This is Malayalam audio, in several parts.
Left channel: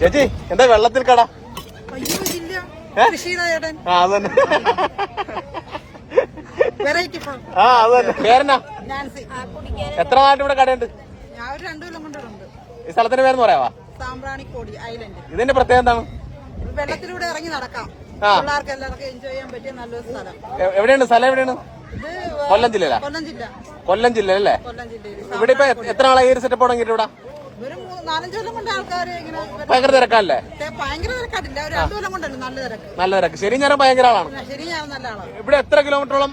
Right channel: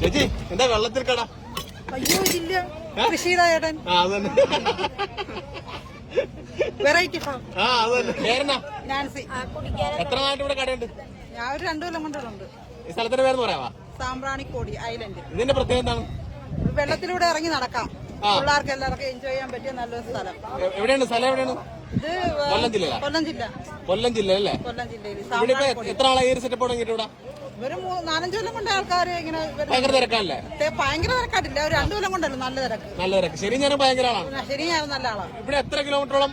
ചേച്ചി എന്താ വെള്ളത്തിൽ കട? എത്ര നാട്ട് ഇവിടെ കടയുണ്ട്? ഈ സ്ഥലത്തിന്റെ പേരെന്ന് പറയാവാ? സാമ്പ്രാണിക്കോടി ഐലൻഡ്. ഇതിന്റെ പ്രത്യേകത എന്താണ്? വെള്ളത്തിലൂടെ ഇറങ്ങി നടക്കാം. പിള്ളേർക്ക് എല്ലാവർക്കും എൻജോയ് ചെയ്യാൻ പറ്റിയ നല്ലൊരു സ്ഥലം. എവിടെയാണ് സ്ഥലം എവിടെയാണ്? കൊല്ലം ജില്ല കൊല്ലം ജില്ല. കൊല്ലം ജില്ല അല്ലേ ഇവിടെ ഇപ്പൊ എത്ര ആളെ സെറ്റപ്പ് തുടങ്ങിയിട്ട് ഇവിടെ ഒരു മൂ- നാലഞ്ച് കൊല്ലം കൊണ്ട് ആൾക്കാർ ഇങ്ങനെ. ഭയങ്കര തിരക്കല്ലേ ഭയങ്കര തിരക്കാട്ടില്ല ഒരു രണ്ടു കൊല്ലം കൊണ്ടല്ലോ? നല്ല തിരക്ക്. നല്ല തിരക്ക്. ശരി ഞാൻ ഭയങ്കര ആളാണ്. ആ, ശരി ഞാൻ നല്ല ആളാണ് ഇവിടെ എത്ര കിലോമീറ്ററോളം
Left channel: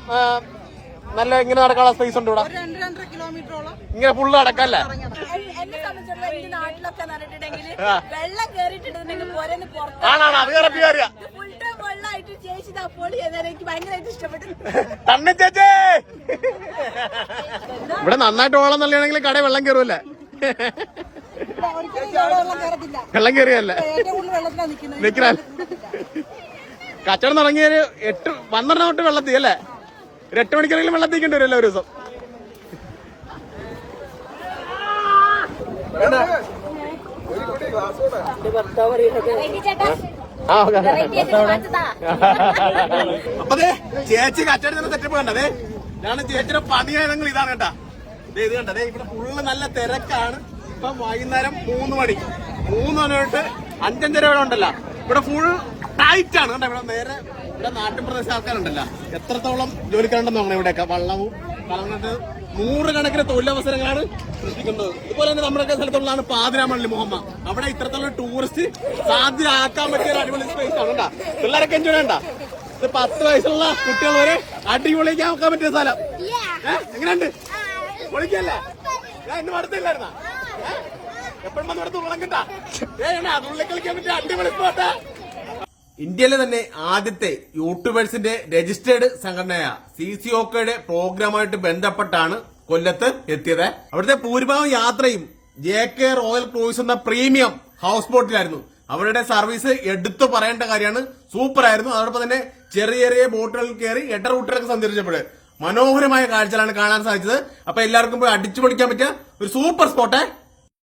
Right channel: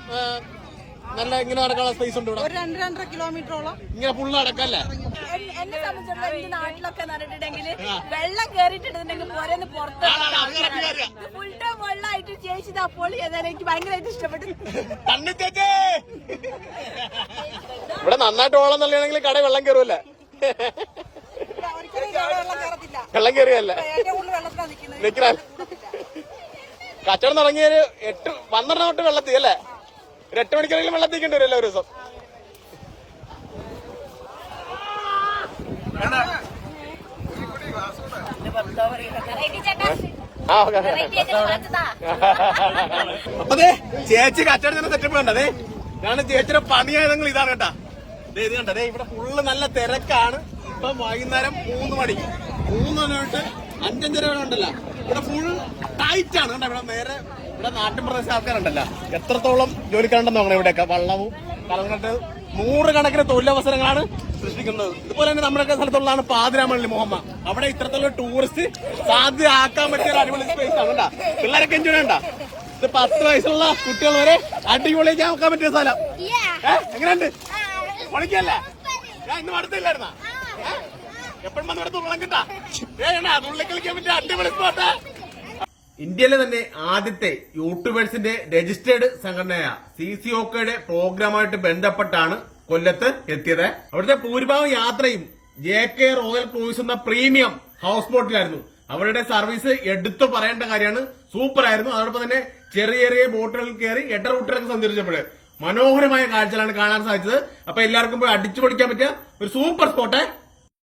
നല്ല ഇങ്ങനെ നടക്കാനുള്ള സ്പേസ് ഉണ്ട് ഇവിടെ? രണ്ട് രണ്ടര കിലോമീറ്ററോളം. ഇങ്ങനെ ഫുള്ള് നടക്കല്ലേ. എന്നെ സംബന്ധിച്ചിടത്തോളം ഈ നാട്ടിലൊക്കെ. വെള്ളം പോരെന്ന് ഫുൾ ടൈം വെള്ളമായിട്ട് ചേച്ചി അപ്പോൾ ചെയ്താൽ എനിക്ക് ഭയങ്കരമായിട്ട് ഇഷ്ടപ്പെട്ടു തന്നെ ചേച്ചേ! ഇവിടെ നന്നായിട്ട് ഓളം തള്ളിയാണെങ്കിൽ കട വെള്ളം ഇവിടെ വെള്ളം. കച്ചവടം തുടങ്ങിയൊരു എട്ട് പന്ത്രണ്ട് തൊട്ട് വെള്ളത്തിൽ അല്ലേ? ഒരു എട്ട് മണിക്കാണെങ്കിലും വെള്ളത്തിക്കേണ്ടി വരും ഒരു ദിവസം അപ്പതേ ചേച്ചി കച്ചവടത്തിന്റെ സെറ്റപ്പ് കണ്ടതേ? ഞാൻ ചേച്ചിയുടെ പണിയായതെങ്കിൽ ഇതാണ് കേട്ടാ. ദേ ഇത് കണ്ടതേ ഇവിടെ ഫുള്ള് നല്ല തിരക്കാണ്. ഇപ്പൊ വൈകുന്നേരം മൂന്ന് മണി. മൂന്ന് മണി തൊട്ട് അഞ്ചഞ്ചര വരെ ഉണ്ടല്ലോ. ഇവിടെ ഫുൾ ടൈറ്റ് ആണ് കേട്ടോ. ഇവിടെ നേരെ ഇവിടെ നാട്ടിൻപ്രദേശ ആൾക്കാരുണ്ടല്ലോ. എത്രത്തോളം ജോലിക്കാരുണ്ടെന്ന് നോക്കണം ഇവിടെയൊക്കെ. വള്ളവും കലങ്ങട്ട് നൂറുകണക്കിന് തൊഴിലവസരങ്ങളാണ് സൃഷ്ടിക്കുന്നത്. ഇതുപോലെ തന്നെ നമ്മുടെ സ്ഥലത്തുള്ളതാണ് പാതിരാമള്ളി മുഹമ്മ. അവിടെ ഇത്രത്തോളം ടൂറിസ്റ്റ് സാധ്യമാക്കാൻ പറ്റിയ ഒരു അടിപൊളി സ്പേസ് ആണ് കേട്ടോ. പിള്ളേരൊക്കെ എൻജോയ് ഉണ്ടാ ഇത് പത്ത് വയസ്സുള്ള കുട്ടികൾ വരെ അടിപൊളിയാക്കി ആക്കാൻ പറ്റിയ സ്ഥലം. ഏഹ് എങ്ങനെയുണ്ട്? പൊളിക്കല്ലേ? ഞാൻ ഇന്ന് അടുത്തില്ലായിരുന്ന ഇന്ത്യയിലെ തന്നെ ആദ്യത്തെ യൂട്യൂബേഴ്സിന്റെ രജിസ്റ്റേർഡ് സംഘടനയായ സി സി ഒക്കെയുടെ പ്രോഗ്രാമായിട്ട് ബന്ധപ്പെട്ടാണ് കൊല്ലത്ത് എത്തിയത്. അവിടുത്തെ ഭൂരിഭാഗം യാത്രയും ജെ കെ റോയൽ ക്രൂസ് എന്ന പ്രീമിയം ഹൗസ് ബോട്ടിലായിരുന്നു. അവരുടെ സർവീസ് എടുത്തു പറയേണ്ട കാര്യമാണ്. സൂപ്പർ ആയിരുന്നു അതോടൊപ്പം തന്നെ ചെറിയ ചെറിയ ബോട്ടുകളിൽ കയറി എട്ട റൂട്ടിലൊക്കെ സഞ്ചരിച്ചപ്പോൾ മനോഹരമായ കാഴ്ചകളാണ് കാണാൻ സാധിച്ചത്. അപ്പൊ എല്ലാവർക്കും പോയി അടിച്ചു പൊടിക്കാൻ പറ്റിയ ഒരു സൂപ്പർ സ്പോട്ട്